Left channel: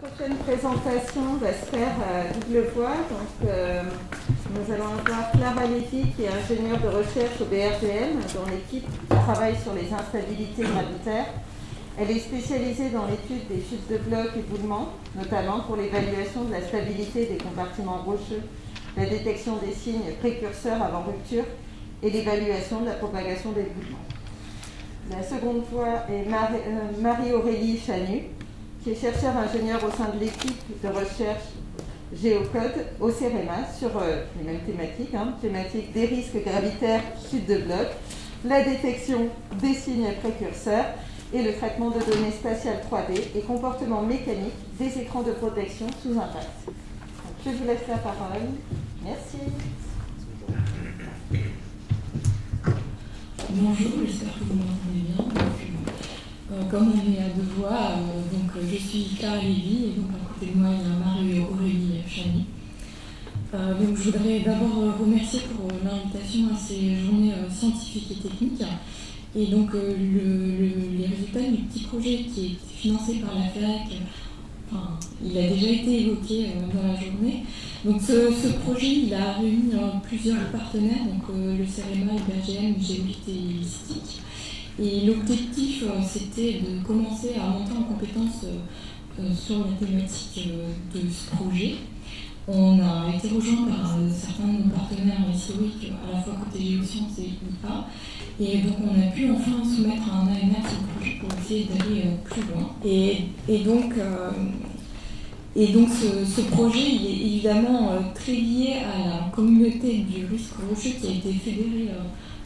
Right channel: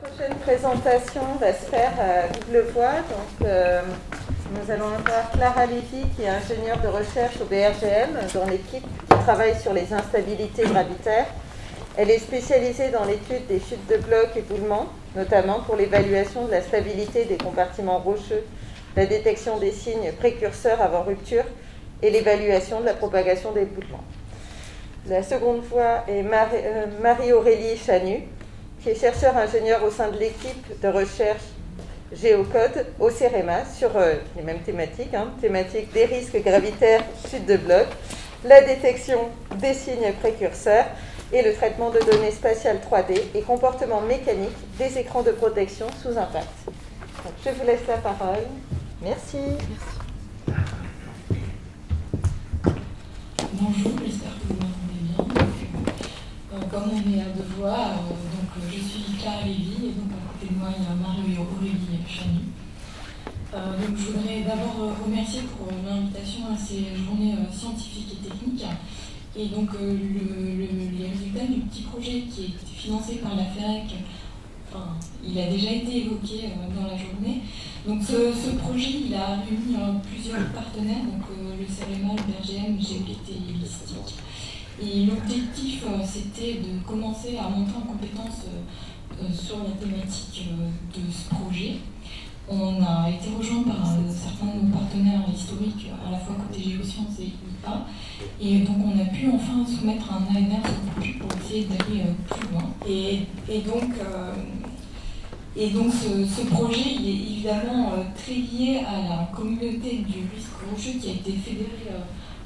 La prochaine présentation va se faire à double voix. Donc, nous allons avoir Clara Lévy, qui est ingénieure de recherche au BRGM, dans l'équipe qui travaille sur les instabilités gravitaires. Elle est spécialisée dans l'étude des chutes de blocs et d'éboulements, notamment pour l'évaluation de la stabilité des compartiments rocheux, la détection des signes précurseurs avant rupture et l'évaluation de la propagation des éboulements. La seconde voix est Marie-Aurélie Chanu, qui est chercheur-ingénieur au sein de l'équipe de recherche Géocode au CEREMA sur les mêmes thématiques, thématiques des risques gravitaires, chute de blocs, la détection des signes précurseurs et le traitement de données spatiales 3D et comportement mécanique des écrans de protection sous impact. Donc, je vous laisse la parole. Merci. Bonjour, j'espère que vous m'entendez bien. Comme on est à deux voix, je suis Clara Lévy et donc à côté de moi il y a Marie-Aurélie Chanu. Donc je voudrais d'abord remercier pour l'invitation à ces journées scientifiques et techniques. Et donc les résultats du petit projet qui est financé par la FEREC, il a déjà été évoqué dans la journée. Donc ce projet il a réuni plusieurs partenaires, donc le CEREMA, le BRGM, Géolith et Listic. Et l'objectif, c'était de commencer à monter en compétence sur la thématique de ce projet. On a été rejoint par certains de nos partenaires historiques, à la fois côté géosciences et IA. Et donc on a pu enfin soumettre un AMR sur le projet pour essayer d'aller plus loin. Et donc ce projet, il est évidemment très lié à la communauté du risque rocheux qui a été fédérée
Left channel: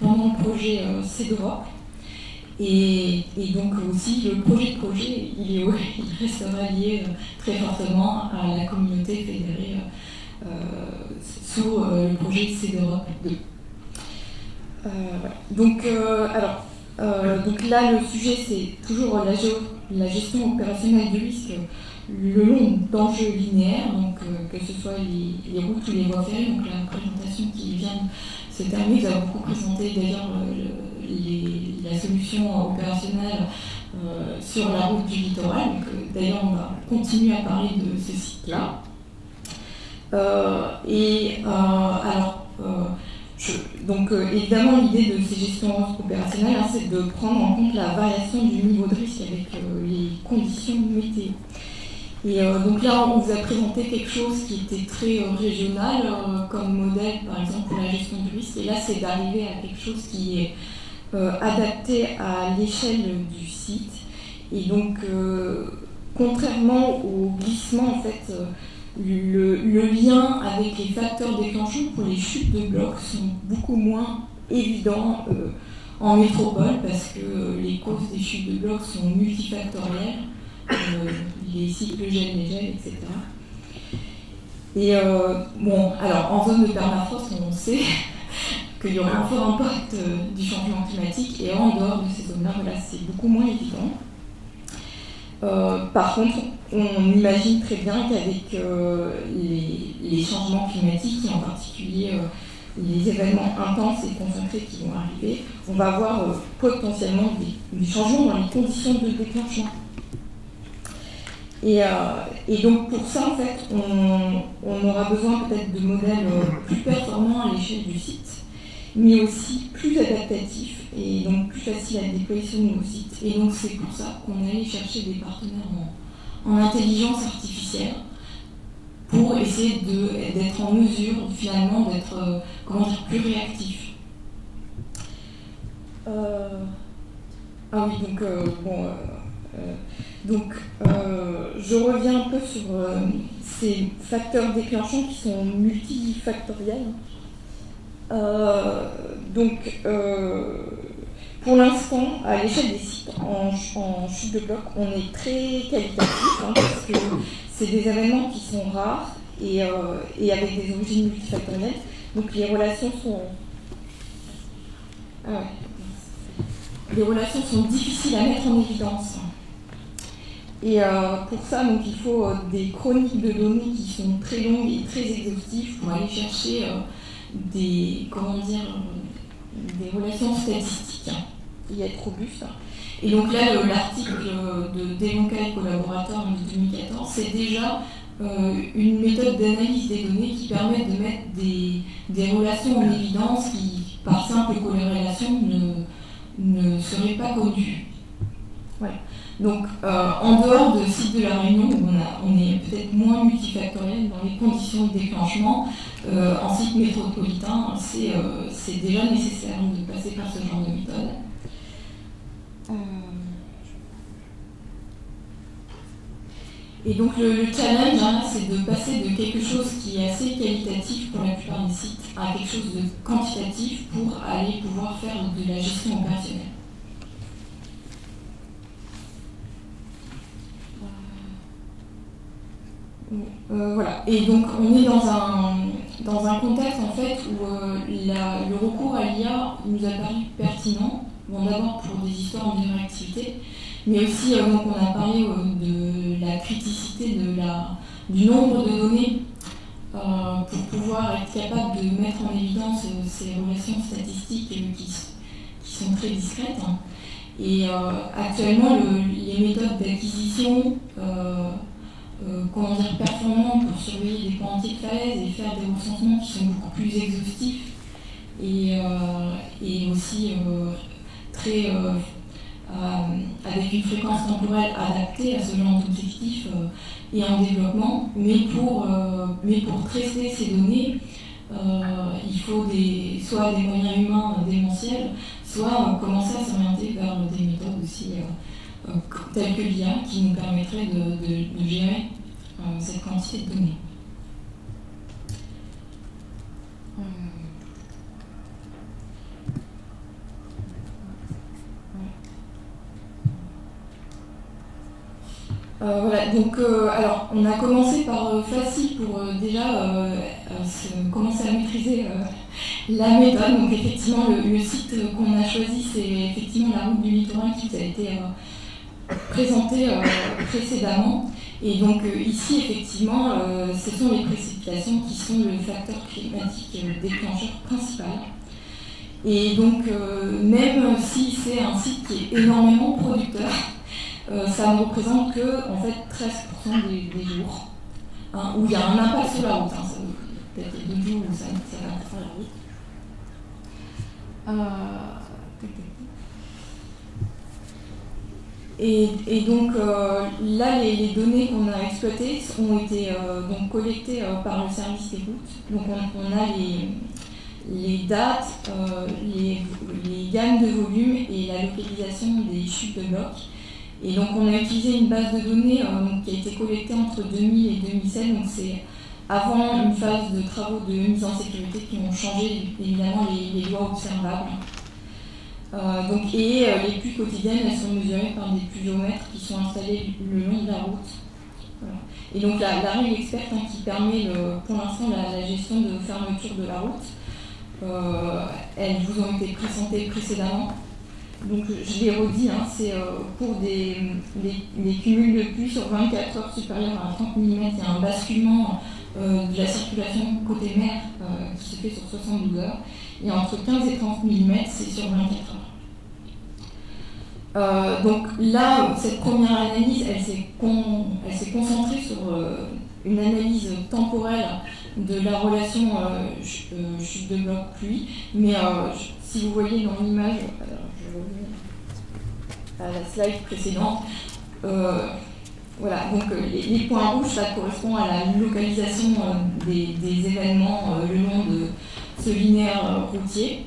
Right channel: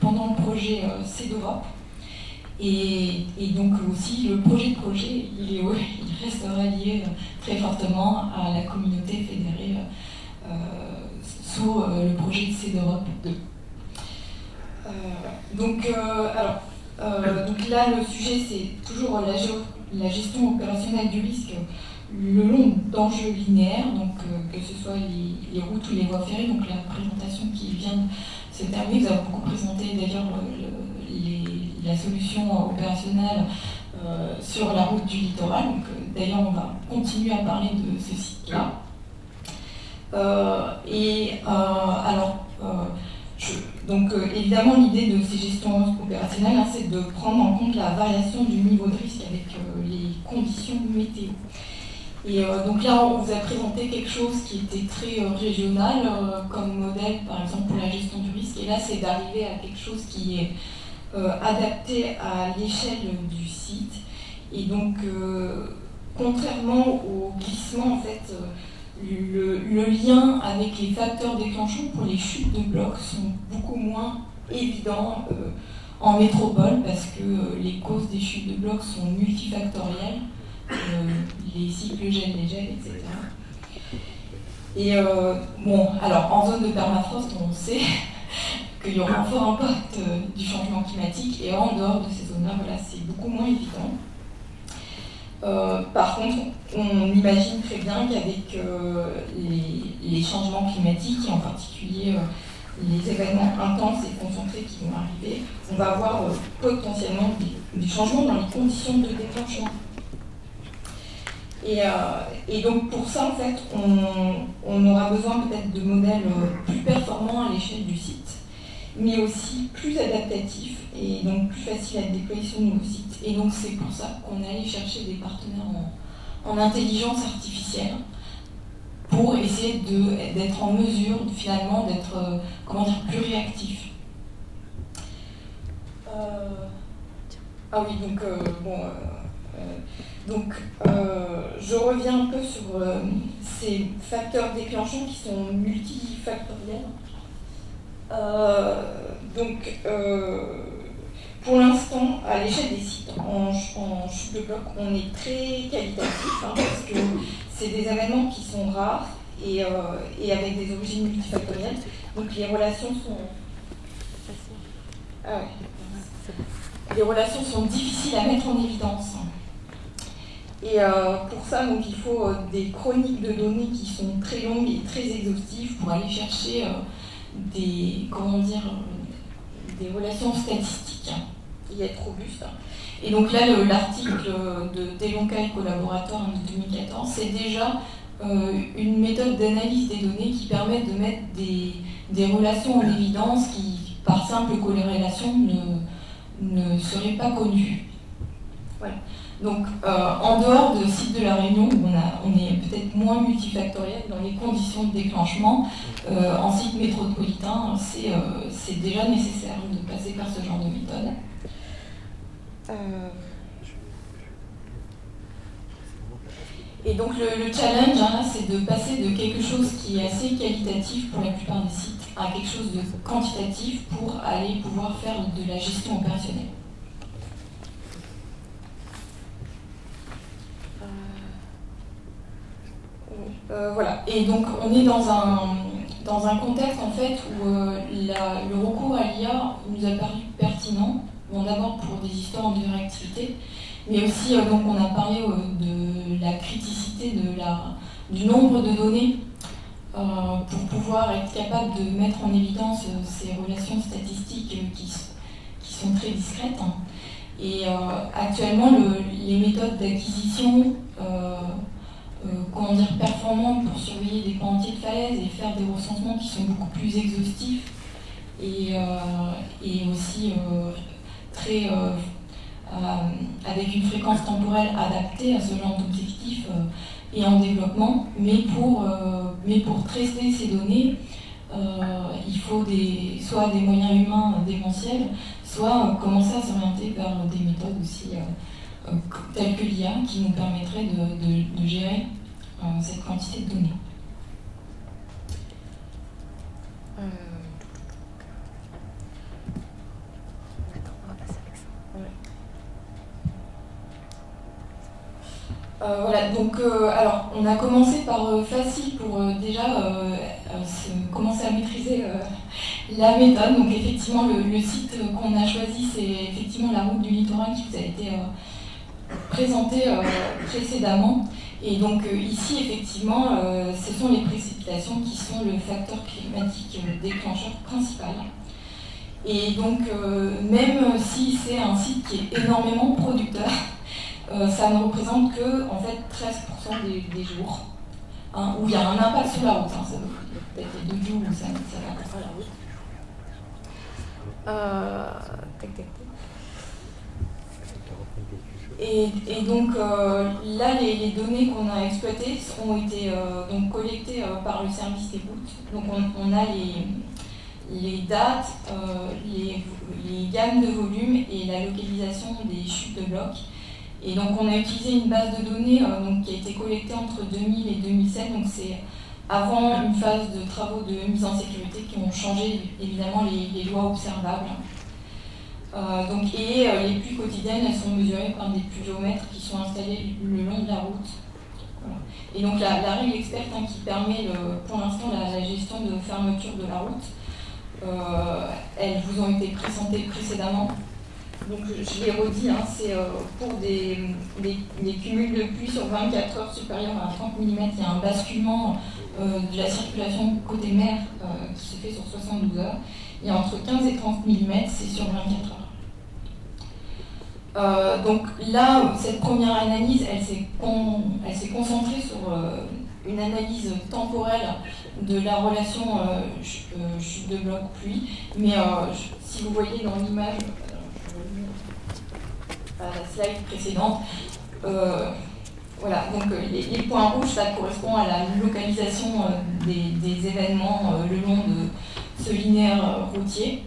pendant le projet CEDEUROP. Et donc aussi, le projet, il restera lié très fortement à la communauté fédérée sous le projet CEDEUROP 2. Donc là, le sujet, c'est toujours la gestion opérationnelle du risque le long d'enjeux linéaires, donc que ce soit les routes ou les voies ferrées. Donc la présentation qui vient de se terminer, vous avez beaucoup présenté d'ailleurs la solution opérationnelle sur la route du littoral. D'ailleurs, on va continuer à parler de ce site-là. Évidemment, l'idée de ces gestions opérationnelles, c'est de prendre en compte la variation du niveau de risque avec les conditions météo. Et donc là, on vous a présenté quelque chose qui était très régional comme modèle, par exemple, pour la gestion du risque. Et là, c'est d'arriver à quelque chose qui est adapté à l'échelle du site. Et donc, contrairement au glissement, en fait, le lien avec les facteurs déclenchants pour les chutes de blocs sont beaucoup moins évidents en métropole parce que les causes des chutes de blocs sont multifactorielles. Les cycles gel-dégel, etc. Et alors en zone de permafrost, on sait qu'il y aura un fort impact du changement climatique, et en dehors de ces zones-là, c'est beaucoup moins évident. Par contre, on imagine très bien qu'avec les changements climatiques, et en particulier les événements intenses et concentrés qui vont arriver, on va avoir potentiellement des changements dans les conditions de déclenchement. Et donc pour ça, en fait, on aura besoin peut-être de modèles plus performants à l'échelle du site, mais aussi plus adaptatifs et donc plus faciles à déployer sur nos sites. Et donc c'est pour ça qu'on est allé chercher des partenaires en intelligence artificielle pour essayer d'être en mesure finalement d'être plus réactif. Je reviens un peu sur ces facteurs déclenchants qui sont multifactoriels. Pour l'instant, à l'échelle des sites en chute de bloc, on est très qualitatif parce que c'est des événements qui sont rares et avec des origines multifactorielles. Donc les relations sont difficiles à mettre en évidence. Et pour ça, donc, il faut des chroniques de données qui sont très longues et très exhaustives pour aller chercher des relations statistiques et être robuste. Et donc là, l'article de Delonca et collaborateurs de 2014, c'est déjà une méthode d'analyse des données qui permet de mettre des relations en évidence qui, par simple corrélation, ne seraient pas connues. Voilà. Donc, en dehors de site de la Réunion, où on est peut-être moins multifactoriel dans les conditions de déclenchement, en site métropolitain, c'est déjà nécessaire de passer par ce genre de méthode. Et donc le challenge, hein, c'est de passer de quelque chose qui est assez qualitatif pour la plupart des sites à quelque chose de quantitatif pour aller pouvoir faire de la gestion opérationnelle. Voilà. Et donc on est dans un contexte en fait où le recours à l'IA nous a paru pertinent. Bon, d'abord pour des histoires en réactivité, mais aussi donc on a parlé de la criticité du nombre de données pour pouvoir être capable de mettre en évidence ces relations statistiques qui sont très discrètes. Et actuellement, les méthodes d'acquisition performantes pour surveiller des pans entiers de falaise et faire des recensements qui sont beaucoup plus exhaustifs et aussi très avec une fréquence temporelle adaptée à ce genre d'objectif et en développement, mais pour traiter ces données, il faut soit des moyens humains démentiels, soit commencer à s'orienter vers des méthodes aussi telles que l'IA qui nous permettraient de gérer cette quantité de données. Voilà, donc alors on a commencé par facile pour déjà commencer à maîtriser la méthode. Donc effectivement le site qu'on a choisi, c'est effectivement la route du littoral qui vous a été présenté précédemment. Et donc ici effectivement ce sont les précipitations qui sont le facteur climatique déclencheur principal. Et donc même si c'est un site qui est énormément producteur, ça ne représente que en fait 13% des jours où il y a un impact sur la route. Ça peut être 2 jours où ça va sur la route. Et donc là, les données qu'on a exploitées ont été donc collectées par le service des routes. Donc on a les dates, les gammes de volume et la localisation des chutes de blocs. Et donc on a utilisé une base de données qui a été collectée entre 2000 et 2007, donc c'est avant une phase de travaux de mise en sécurité qui ont changé évidemment les lois observables. Les pluies quotidiennes, elles sont mesurées par des pluviomètres qui sont installés le long de la route. Voilà. Et donc la règle experte qui permet pour l'instant la gestion de fermeture de la route, elles vous ont été présentées précédemment. Donc je l'ai redit, c'est pour des cumuls de pluie sur 24 heures supérieures à 30 mm, il y a un basculement de la circulation côté mer qui se fait sur 72 heures. Et entre 15 et 30 mm, c'est sur 24 heures. Donc là, cette première analyse, elle s'est concentrée sur une analyse temporelle de la relation chute de bloc pluie. Mais si vous voyez dans l'image, à la slide précédente, voilà, donc les points rouges, ça correspond à la localisation des événements le long de ce linéaire routier.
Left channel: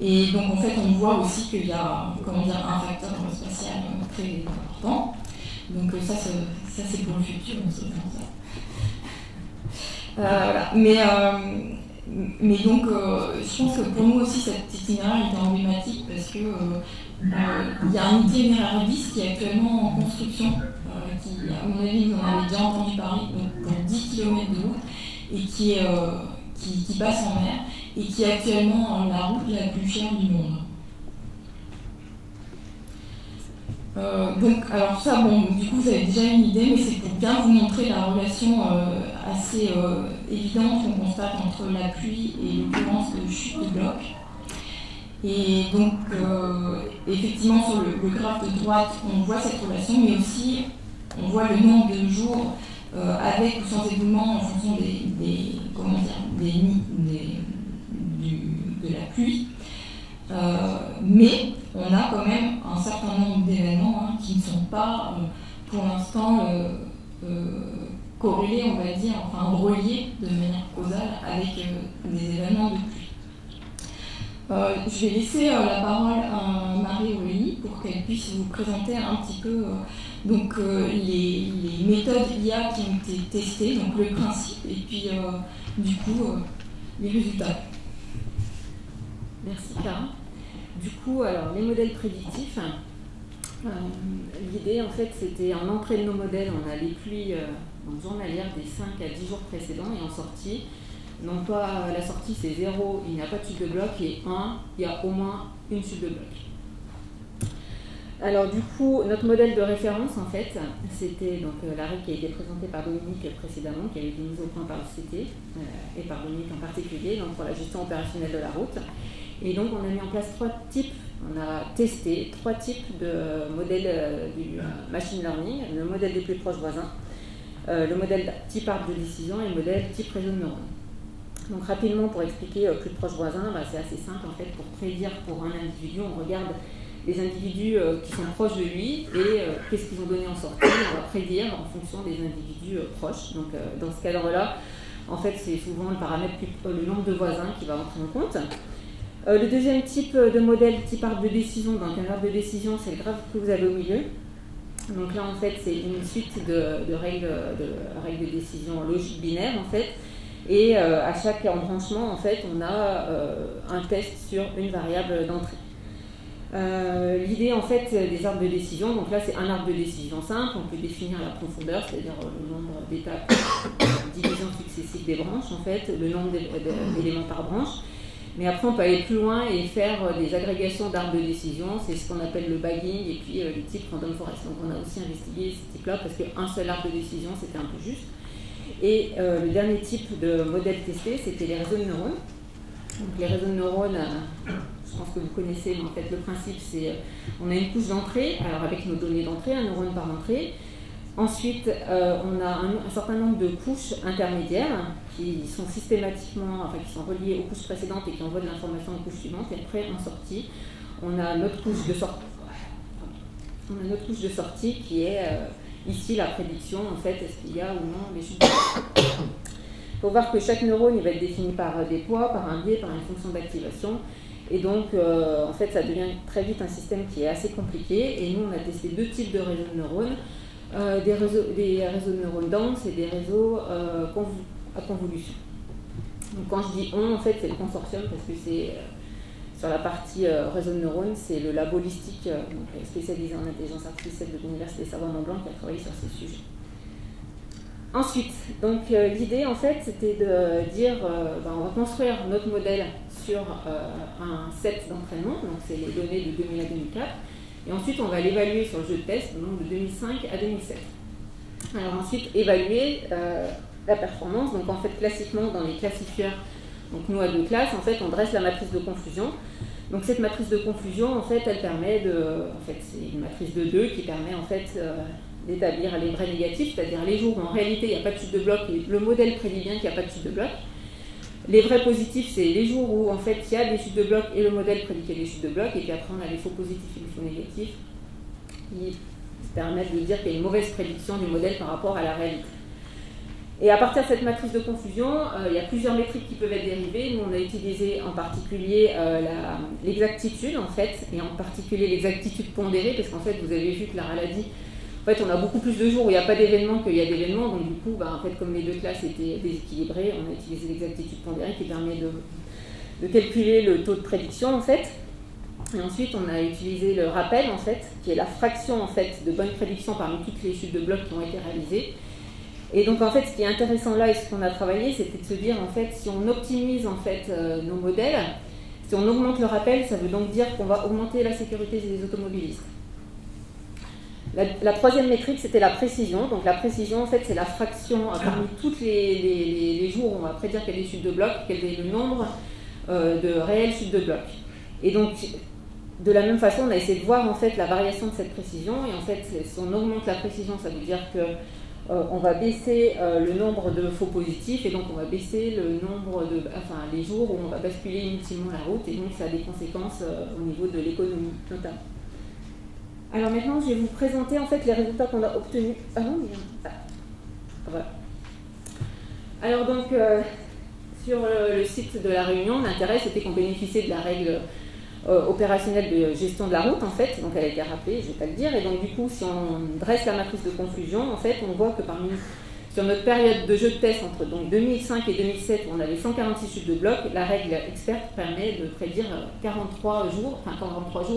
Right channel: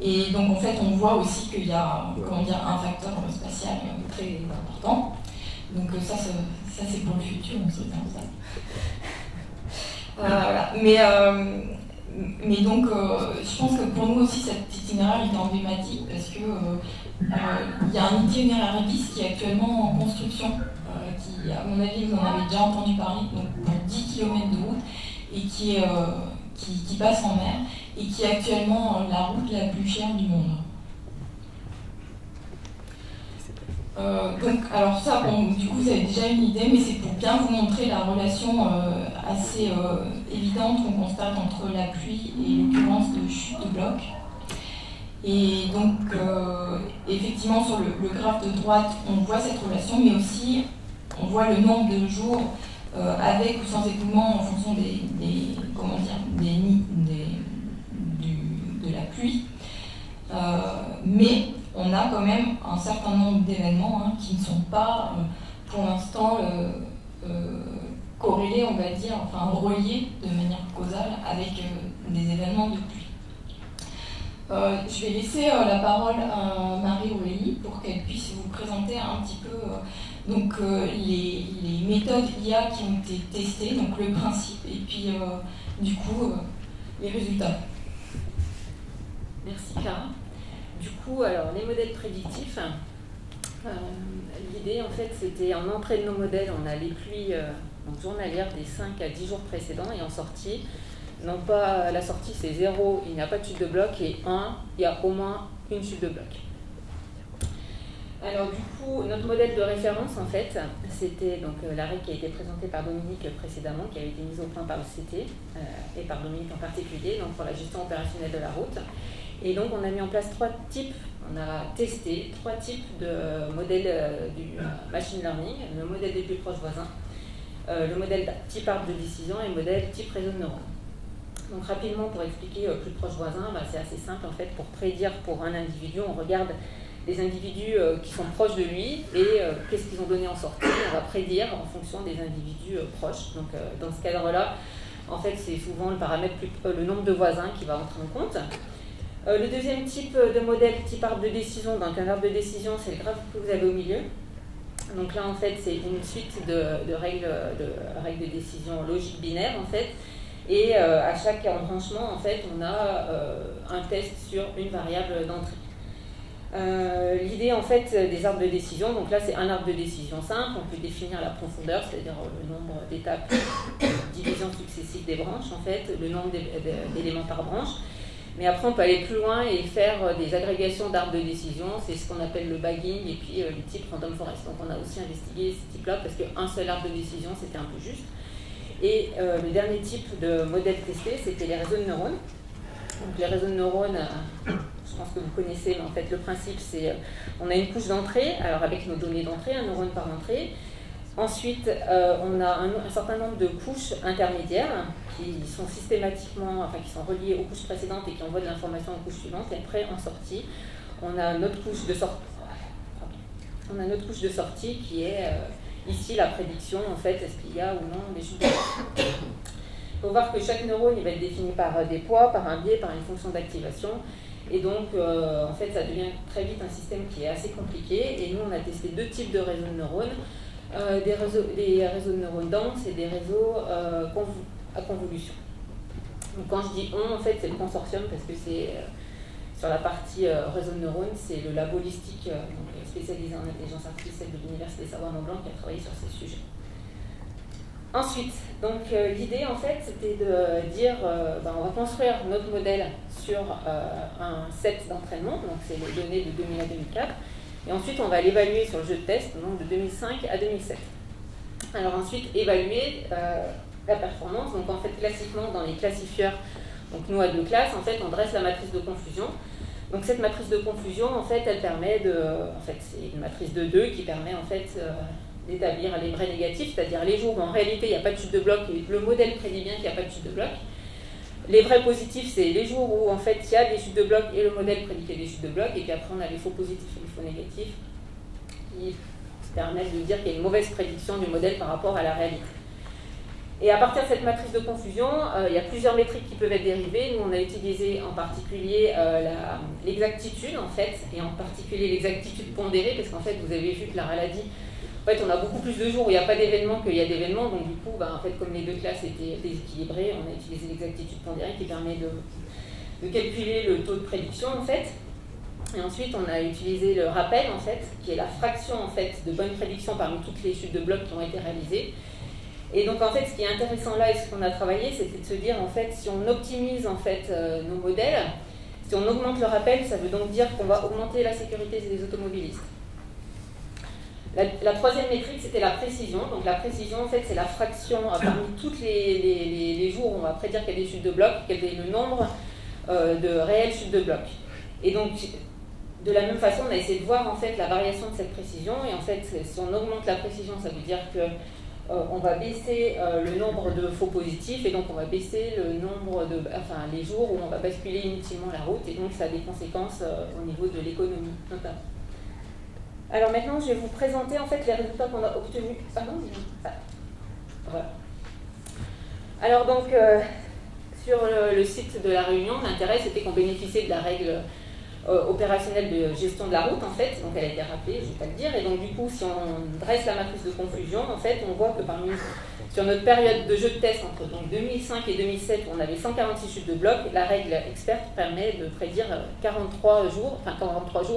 Et donc en fait, on voit aussi qu'il y a un facteur spatial très important. Donc ça c'est pour le futur, on sait faire ça. Voilà. Mais donc, je pense que pour nous aussi, cet itinéraire est emblématique parce que il y a un itinéraire bis qui est actuellement en construction, qui, à mon avis, vous en avez déjà entendu parler, donc pour 10 km de route, et qui passe en mer, et qui est actuellement la route la plus chère du monde. Donc, alors ça, bon, du coup, vous avez déjà une idée, mais c'est pour bien vous montrer la relation assez évidente qu'on constate entre la pluie et l'occurrence de chute de blocs. Et donc, effectivement, sur le graphe de droite, on voit cette relation, mais aussi on voit le nombre de jours avec ou sans éboulement en fonction de la pluie. Mais on a quand même un certain nombre d'événements qui ne sont pas, pour l'instant, corrélés, on va dire, enfin reliés de manière causale avec des événements de pluie. Je vais laisser la parole à Marie-Aurélie pour qu'elle puisse vous présenter un petit peu les méthodes IA qui ont été testées, donc le principe, et puis du coup les résultats. Merci Clara. Du coup, alors les modèles prédictifs, l'idée en fait c'était en entrée de nos modèles, on a les pluies journalières des 5 à 10 jours précédents et en sortie. Non pas la sortie c'est 0, il n'y a pas de chute de bloc, et 1, il y a au moins une chute de bloc. Alors du coup, notre modèle de référence en fait, c'était donc la règle qui a été présentée par Dominique précédemment, qui avait été mise au point par le CT et par Dominique en particulier, donc pour la gestion opérationnelle de la route. Et donc on a mis en place 3 types, on a testé 3 types de modèles du machine learning, le modèle des plus proches voisins, le modèle type arbre de décision et le modèle type réseau de neurones. Donc rapidement, pour expliquer plus proche voisin, c'est assez simple en fait. Pour prédire pour un individu, on regarde les individus qui sont proches de lui et qu'est-ce qu'ils ont donné en sortie. On va prédire en fonction des individus proches. Donc dans ce cadre-là, en fait, c'est souvent le paramètre, le nombre de voisins qui va entrer en compte. Le deuxième type de modèle, type arbre de décision, donc un arbre de décision, c'est le graphe que vous avez au milieu. Donc là, en fait, c'est une suite de règles de décision logique binaire, en fait. Et à chaque embranchement, en fait, on a un test sur une variable d'entrée. L'idée, en fait, des arbres de décision, donc là, c'est un arbre de décision simple. On peut définir la profondeur, c'est-à-dire le nombre d'étapes division successives des branches, en fait, le nombre d'éléments par branche. Mais après, on peut aller plus loin et faire des agrégations d'arbres de décision. C'est ce qu'on appelle le bagging et puis les types random forest. Donc, on a aussi investigué ces types-là parce qu'un seul arbre de décision, c'était un peu juste. Et le dernier type de modèle testé, c'était les réseaux de neurones. Donc les réseaux de neurones, je pense que vous connaissez, mais en fait le principe c'est, on a une couche d'entrée, alors avec nos données d'entrée, un neurone par entrée. Ensuite, on a un certain nombre de couches intermédiaires qui sont systématiquement, enfin qui sont reliées aux couches précédentes et qui envoient de l'information aux couches suivantes. Et après, en sortie, on a notre couche de sortie. On a notre couche de sortie qui est ici la prédiction, en fait, est-ce qu'il y a ou non des chutes de bloc. Il faut voir que chaque neurone il va être défini par des poids, par un biais, par une fonction d'activation. Et donc, en fait, ça devient très vite un système qui est assez compliqué. Et nous, on a testé 2 types de réseaux de neurones. Des réseaux de neurones denses et des réseaux à convolution. Donc quand je dis on, en fait, c'est le consortium parce que c'est sur la partie réseau de neurones, c'est le labo holistique spécialisé en intelligence artificielle de l'Université Savoie-Mont-Blanc qui a travaillé sur ces sujets. Ensuite, donc l'idée en fait, c'était de dire, on va construire notre modèle sur un set d'entraînement, donc c'est les données de 2000 à 2004. Et ensuite, on va l'évaluer sur le jeu de test, donc de 2005 à 2007. Alors ensuite, évaluer la performance. Donc en fait, classiquement, dans les classifieurs, donc nous à 2 classes, en fait, on dresse la matrice de confusion. Donc cette matrice de confusion, en fait, elle permet de... En fait, c'est une matrice de 2 qui permet, en fait, d'établir les vrais négatifs, c'est-à-dire les jours où, en réalité, il n'y a pas de chute de bloc et le modèle prédit bien qu'il n'y a pas de chute de bloc. Les vrais positifs, c'est les jours où en fait il y a des chutes de bloc et le modèle prédit qu'il y a des chutes de bloc, et puis après on a les faux positifs et les faux négatifs qui permettent de dire qu'il y a une mauvaise prédiction du modèle par rapport à la réalité. Et à partir de cette matrice de confusion, il y a plusieurs métriques qui peuvent être dérivées. Nous on a utilisé en particulier l'exactitude en fait, et en particulier l'exactitude pondérée, parce qu'en fait vous avez vu que la maladie, en fait, on a beaucoup plus de jours où il n'y a pas d'événements qu'il y a d'événements, donc du coup, en fait, comme les 2 classes étaient déséquilibrées, on a utilisé l'exactitude pondérée qui permet de calculer le taux de prédiction, en fait. Et ensuite, on a utilisé le rappel, en fait, qui est la fraction, en fait, de bonnes prédictions parmi toutes les chutes de blocs qui ont été réalisées. Et donc, en fait, ce qui est intéressant là, et ce qu'on a travaillé, c'était de se dire, en fait, si on optimise, en fait, nos modèles, si on augmente le rappel, ça veut donc dire qu'on va augmenter la sécurité des automobilistes. La troisième métrique, c'était la précision. Donc la précision, en fait, c'est la fraction parmi tous les jours où on va prédire qu'il y a des chutes de blocs, quel est le nombre de réelles chutes de blocs. Et donc, de la même façon, on a essayé de voir en fait la variation de cette précision. Et en fait, si on augmente la précision, ça veut dire que on va baisser le nombre de faux positifs, et donc on va baisser le nombre de, les jours où on va basculer inutilement la route, et donc ça a des conséquences au niveau de l'économie notamment. Alors maintenant, je vais vous présenter en fait les résultats qu'on a obtenus. Ah non, voilà. Alors donc, sur le site de la Réunion, l'intérêt c'était qu'on bénéficiait de la règle opérationnelle de gestion de la route en fait, donc elle a été rappelée, je ne vais pas le dire, et donc du coup si on dresse la matrice de confusion, en fait on voit que sur notre période de jeu de test entre donc 2005 et 2007 où on avait 146 chutes de bloc, la règle experte permet de prédire 43 jours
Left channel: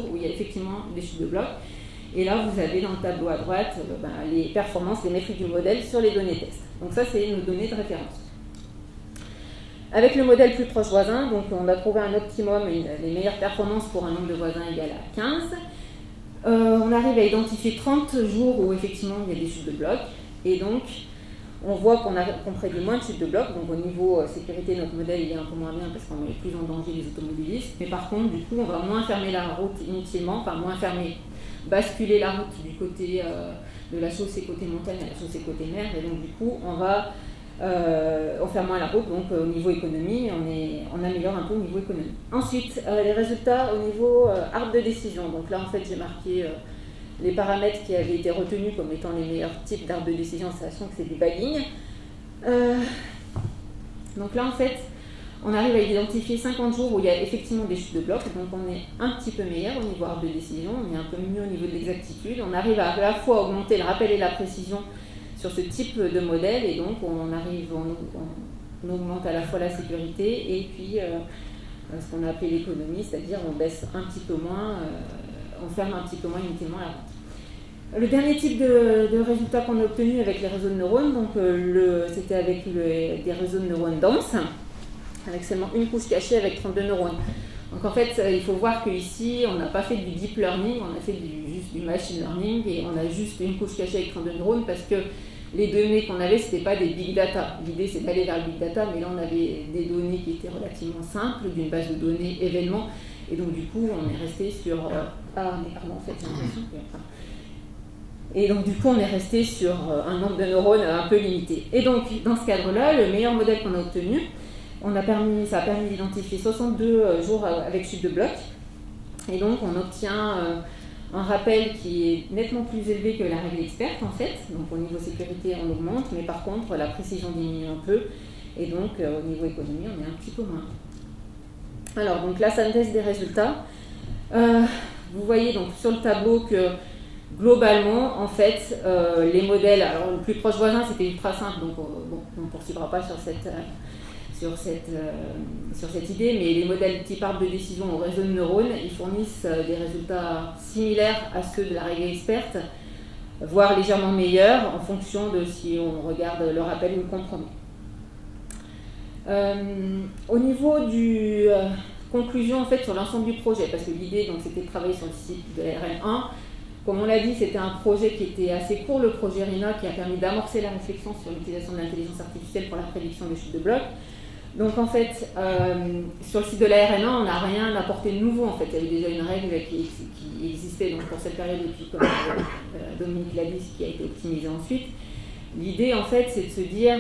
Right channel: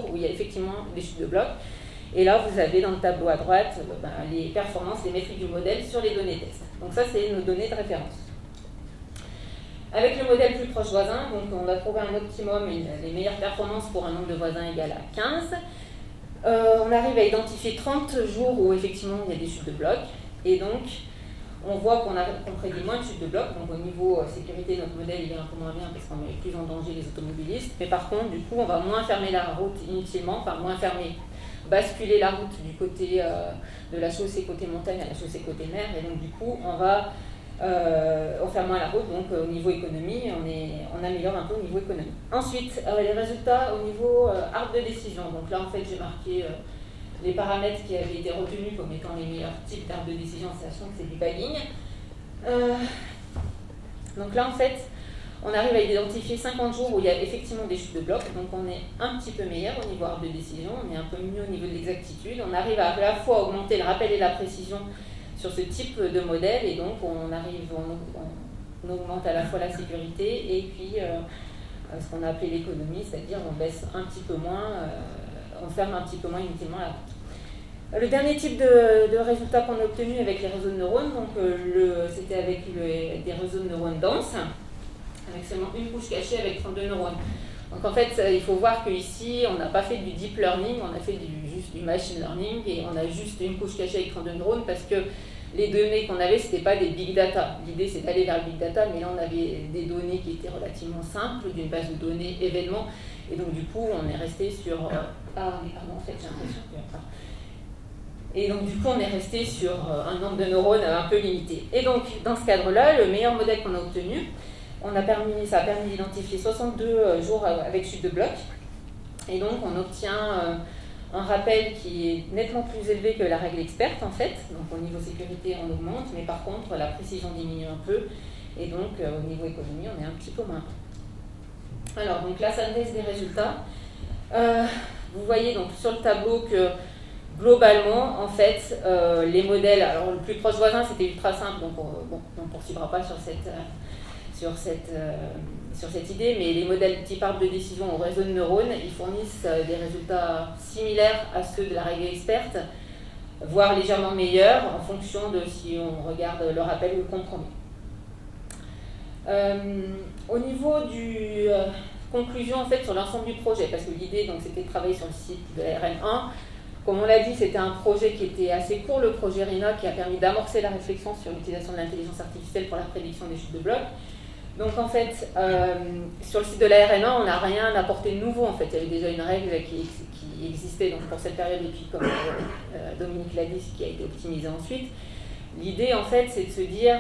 où il y a effectivement des chutes de bloc, et là vous avez dans le tableau à droite les performances, les métriques du modèle sur les données test. Donc ça c'est nos données de référence. Avec le modèle plus proche voisin, donc on a trouvé un optimum, les meilleures performances pour un nombre de voisins égal à 15. On arrive à identifier 30 jours où effectivement il y a des chutes de bloc. Et donc on voit qu'on prédit moins de chutes de bloc. Donc au niveau sécurité, notre modèle il est un peu moins bien parce qu'on met plus en danger les automobilistes. Mais par contre, du coup, on va moins fermer la route inutilement, basculer la route du côté de la chaussée côté montagne à la chaussée côté mer. Et donc du coup, on ferme moins la route, donc au niveau économie, on améliore un peu au niveau économie. Ensuite, les résultats au niveau arbre de décision. Donc là, en fait, j'ai marqué les paramètres qui avaient été retenus comme étant les meilleurs types d'arbres de décision, sachant que c'est des baguignes. Donc là, en fait, on arrive à identifier 50 jours où il y a effectivement des chutes de blocs, donc on est un petit peu meilleur au niveau arbre de décision, on est un peu mieux au niveau de l'exactitude. On arrive à la fois augmenter le rappel et la précision sur ce type de modèle, et donc on augmente à la fois la sécurité et puis ce qu'on a appelé l'économie, c'est-à-dire on baisse un petit peu moins, on ferme un petit peu moins inutilement la route. Le dernier type de résultat qu'on a obtenu avec les réseaux de neurones, donc c'était avec des réseaux de neurones denses, avec seulement une couche cachée avec 32 neurones. Donc en fait, il faut voir qu'ici, on n'a pas fait du deep learning, on a fait juste du machine learning, et on a juste une couche cachée avec 32 neurones parce que les données qu'on avait, ce n'était pas des big data. L'idée, c'est d'aller vers le big data, mais là, on avait des données qui étaient relativement simples, d'une base de données événements, et donc du coup, on est resté sur... en fait, j'ai l'impression que... Et donc du coup, on est resté sur un nombre de neurones un peu limité. Et donc, dans ce cadre-là, le meilleur modèle qu'on a obtenu, ça a permis d'identifier 62 jours avec chute de bloc. Et donc, on obtient un rappel qui est nettement plus élevé que la règle experte, en fait. Donc, au niveau sécurité, on augmente, mais par contre, la précision diminue un peu. Et donc, au niveau économie, on est un petit peu moins. Alors, donc, la synthèse des résultats. Vous voyez donc sur le tableau que, globalement, en fait, les modèles... Alors, le plus proche voisin, c'était ultra simple, donc on ne poursuivra pas sur cette idée, mais les modèles type arbre de décision au réseau de neurones, ils fournissent des résultats similaires à ceux de la règle experte, voire légèrement meilleurs en fonction de si on regarde le rappel ou le compromis. Au niveau du conclusion en fait sur l'ensemble du projet, parce que l'idée donc c'était de travailler sur le site de la RN1. Comme on l'a dit, c'était un projet qui était assez court, le projet RINA, qui a permis d'amorcer la réflexion sur l'utilisation de l'intelligence artificielle pour la prédiction des chutes de blocs. Donc en fait, sur le site de la RN1, on n'a rien apporté de nouveau. En fait, il y avait déjà une règle qui existait donc, pour cette période, et puis comme Dominique l'a dit, qui a été optimisée ensuite. L'idée, en fait, c'est de se dire...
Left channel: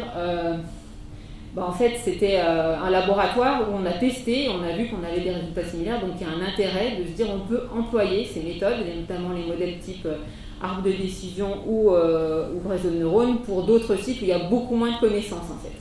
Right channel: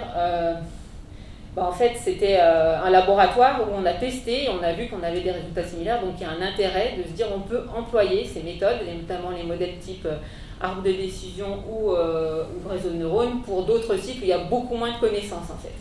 en fait, c'était un laboratoire où on a testé, on a vu qu'on avait des résultats similaires, donc il y a un intérêt de se dire on peut employer ces méthodes, et notamment les modèles type arbre de décision ou réseau de neurones, pour d'autres sites où il y a beaucoup moins de connaissances en fait.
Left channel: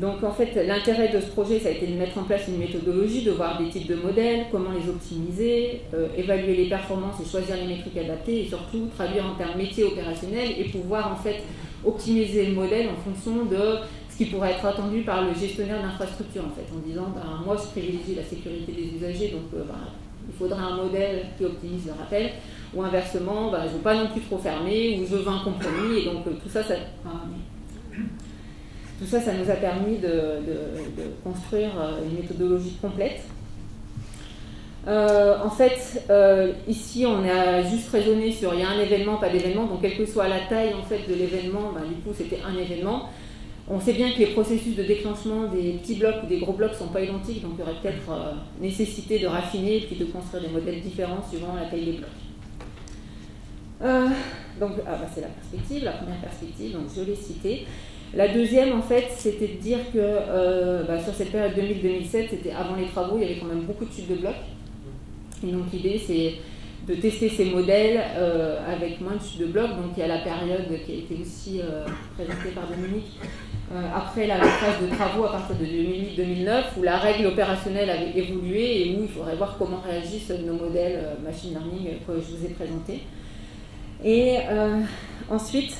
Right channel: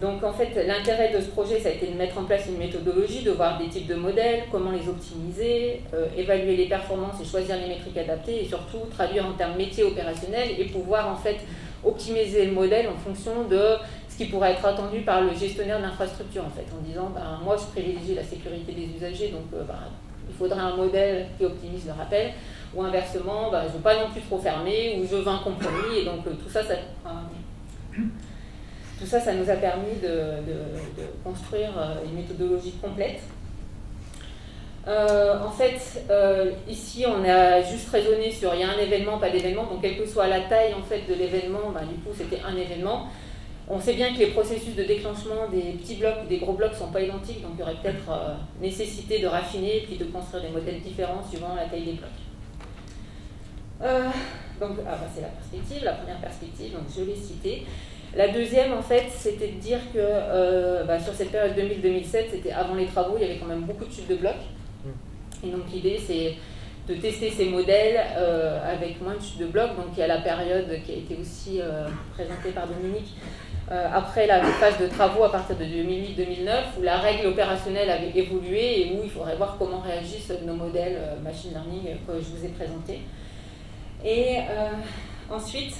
Donc en fait, l'intérêt de ce projet, ça a été de mettre en place une méthodologie, de voir des types de modèles, comment les optimiser, évaluer les performances et choisir les métriques adaptées, et surtout traduire en termes métiers opérationnels et pouvoir en fait optimiser le modèle en fonction de ce qui pourrait être attendu par le gestionnaire d'infrastructure en fait, en disant moi je privilégie la sécurité des usagers, donc il faudrait un modèle qui optimise le rappel, ou inversement, je ne veux pas non plus trop fermer, ou je veux un compromis, et donc tout ça nous a permis de construire une méthodologie complète. En fait, ici, on a juste raisonné sur il y a un événement, pas d'événement, donc quelle que soit la taille en fait, de l'événement, du coup, c'était un événement. On sait bien que les processus de déclenchement des petits blocs ou des gros blocs ne sont pas identiques, donc il y aurait peut-être nécessité de raffiner et puis de construire des modèles différents suivant la taille des blocs. C'est la perspective, la première perspective, donc je l'ai citée. La deuxième, en fait, c'était de dire que sur cette période 2000-2007, c'était avant les travaux, il y avait quand même beaucoup de types de blocs. Et donc l'idée, c'est de tester ces modèles avec moins de types de blocs. Donc il y a la période qui a été aussi présentée par Dominique, après la phase de travaux à partir de 2008-2009, où la règle opérationnelle avait évolué et où il faudrait voir comment réagissent nos modèles machine learning que je vous ai présentés. Et ensuite,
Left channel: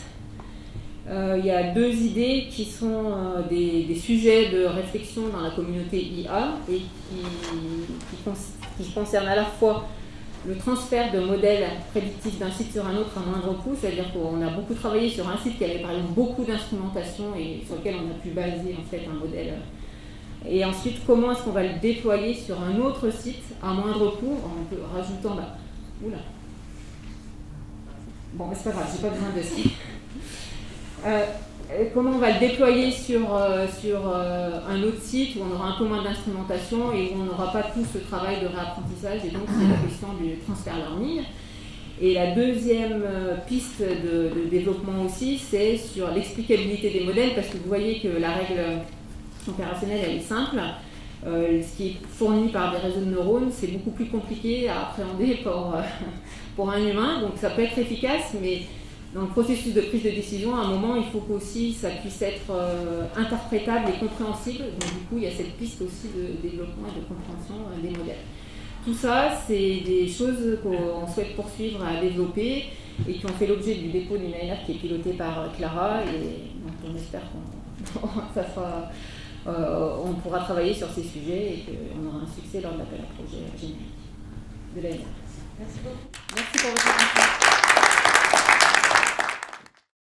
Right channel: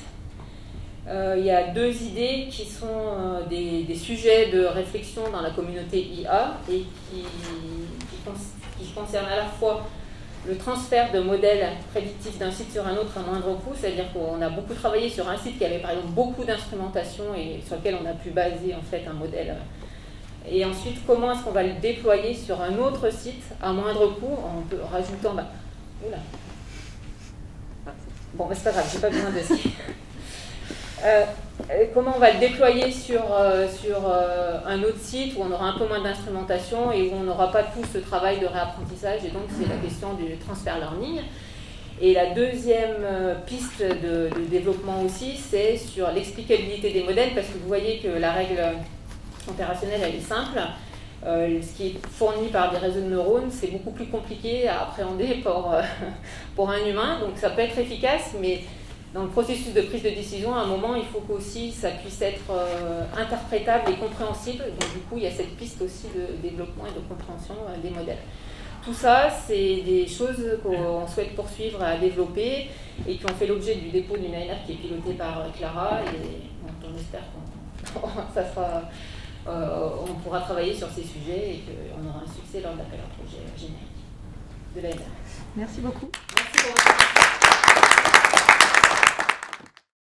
il y a deux idées qui sont des sujets de réflexion dans la communauté IA et qui concernent à la fois le transfert de modèles prédictifs d'un site sur un autre à moindre coût, c'est-à-dire qu'on a beaucoup travaillé sur un site qui avait par exemple beaucoup d'instrumentation et sur lequel on a pu baser en fait un modèle. Et ensuite, comment est-ce qu'on va le déployer sur un autre site à moindre coût en rajoutant... Oula. Bon, c'est pas grave, j'ai pas besoin de ça. Comment on va le déployer sur un autre site où on aura un peu moins d'instrumentation et où on n'aura pas tout ce travail de réapprentissage, et donc c'est la question du transfert learning. Et la deuxième piste de développement aussi, c'est sur l'explicabilité des modèles, parce que vous voyez que la règle opérationnelle, elle est simple. Ce qui est fourni par des réseaux de neurones, c'est beaucoup plus compliqué à appréhender pour un humain, donc ça peut être efficace, mais dans le processus de prise de décision, à un moment, il faut qu'aussi ça puisse être interprétable et compréhensible. Donc du coup, il y a cette piste aussi de développement et de compréhension des modèles. Tout ça, c'est des choses qu'on souhaite poursuivre à développer et qui ont fait l'objet du dépôt d'une ANR qui est pilotée par Clara, et donc on espère qu'on pourra travailler sur ces sujets et qu'on aura un succès lors de l'appel à projet générique de l'ANR. Merci beaucoup. Merci pour votre attention.